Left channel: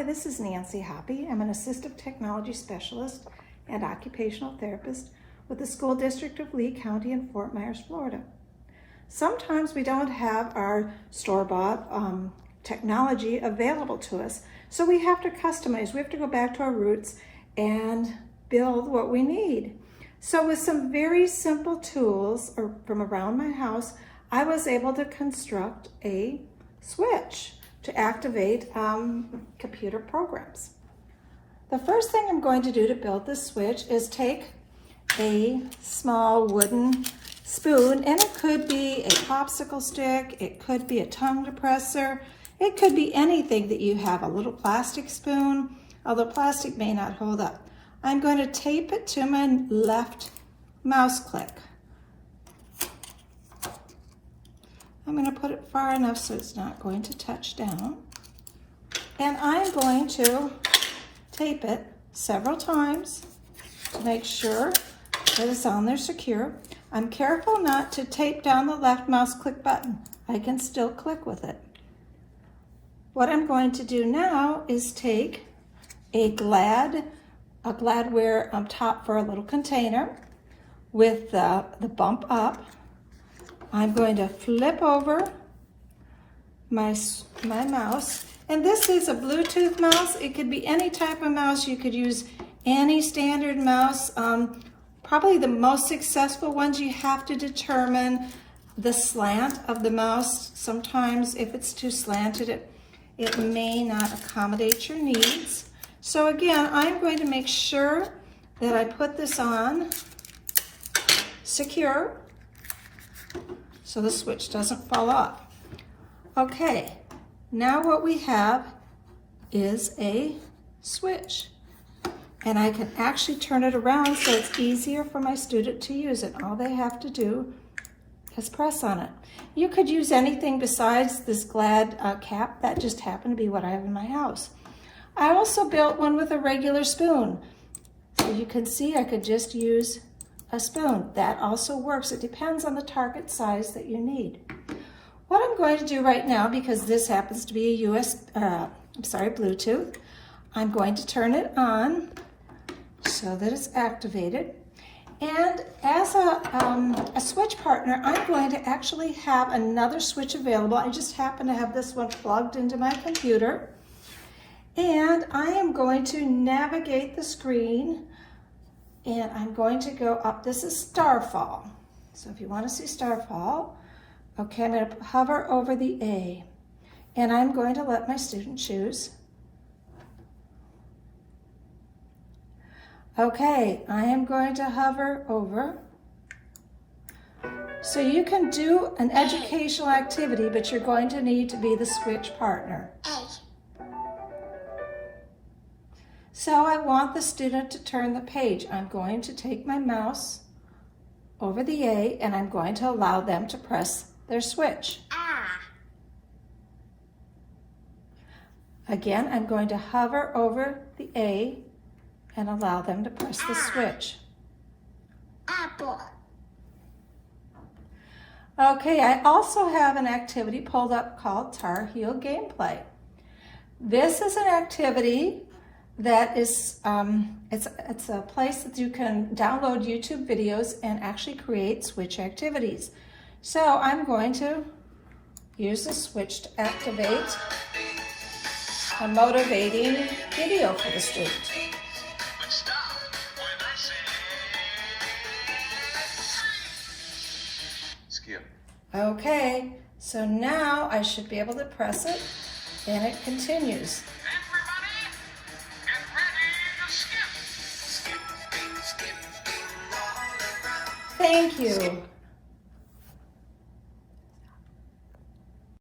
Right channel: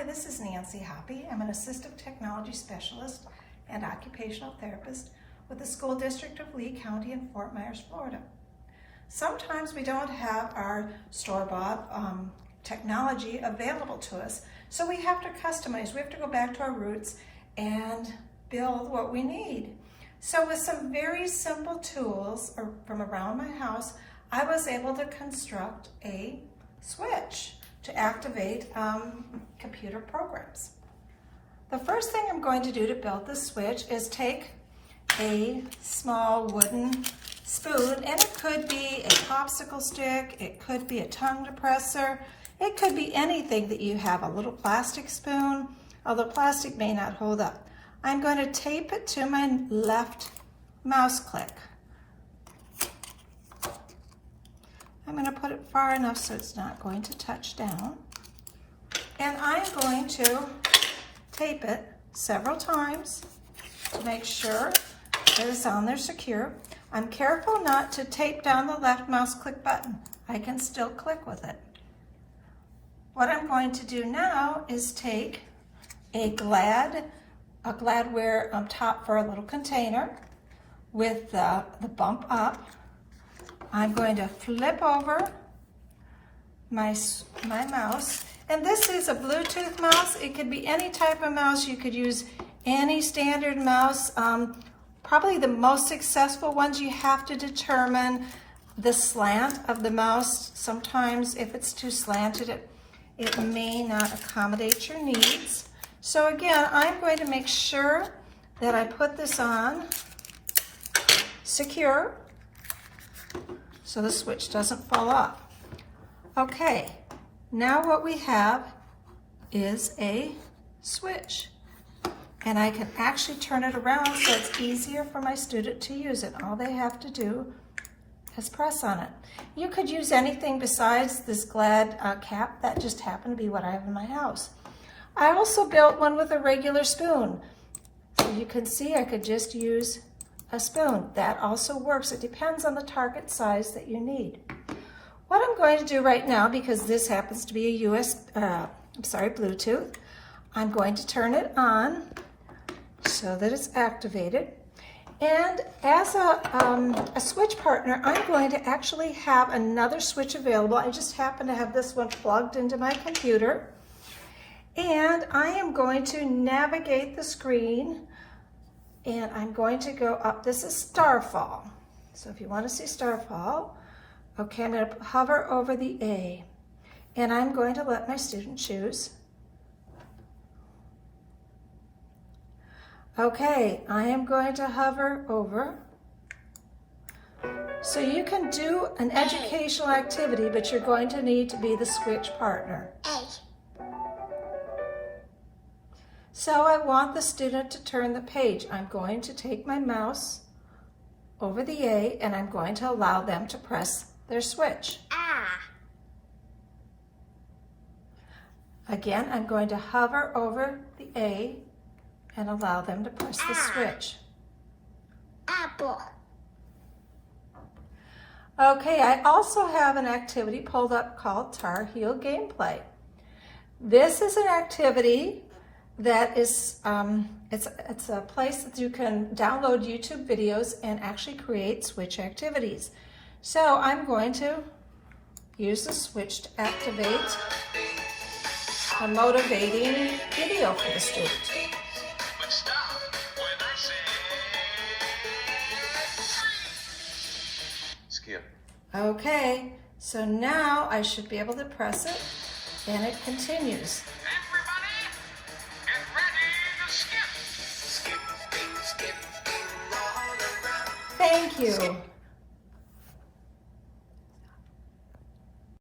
Hi, this is Nancy Hoppe. I'm an assistive technology specialist and occupational therapist with the School District of Lee County in Fort Myers, Florida. Sometimes we don't have our store-bought technology available to us, so we have to customize. We have to go back to our roots and build what we need. So with some very simple tools from around my house, I was able to construct a switch to activate computer programs. The first thing I'm going to do to build this switch is take a small wooden spoon, and it could be a popsicle stick, it could be a tongue depressor, it could be anything that you have, a little plastic spoon, although plastic may not hold up. I'm going to tape it to my left mouse click. I'm going to put it far enough so it's not going to touch down. And I'm going to tape it several times to make sure that it's on there secure. I'm careful not to tape down the left mouse click button. I can still click with it. What I'm going to do now is take a Gladware top for a little container with the bump up. I'm going to flip over my mouse, and this is a Bluetooth mouse. It could be any type of mouse. You could use any standard mouse. Probably the most successful ones, you have to determine the slant of the mouse. Sometimes if it's too slanted, it may not accommodate your needs. So again, I'm going to make sure that I put this on secure so the switch doesn't fall off. Okay, now what we have is a switch, and I can actually turn it around so it's easier for my student to use it. All they have to do is press on it. You could use anything besides this Glad cap. That just happened to be what I have in my house. I also built one with a regular spoon. So you can see I could just use a spoon. That also works. It depends on the target size that you need. What I'm going to do right now, because this happens to be a Bluetooth, I'm going to turn it on so that it's activated. And as a switch partner, I'm going to actually have another switch available. I just happen to have this one plugged into my computer. And I am going to navigate the screen, and I'm going to go up. This is Starfall. So if you want to see Starfall, okay, I'm going to hover over the A, and I'm going to let my student choose. Okay, I am going to hover over. So you can do an educational activity, but you're going to need to be the switch partner. So I want the student to turn the page. I'm going to take my mouse over the A, and I'm going to allow them to press their switch. Again, I'm going to hover over the A and allow them to press the switch. Apple. Okay, I also have an activity pulled up called Tar Heel Gameplay. This is an activity that is, it's a place that you can download YouTube videos and actually create switch activities. So I'm going to use the switch to activate a motivating video for the student. Skip. Okay, so now I should be able to press it, and it continues. Thank you.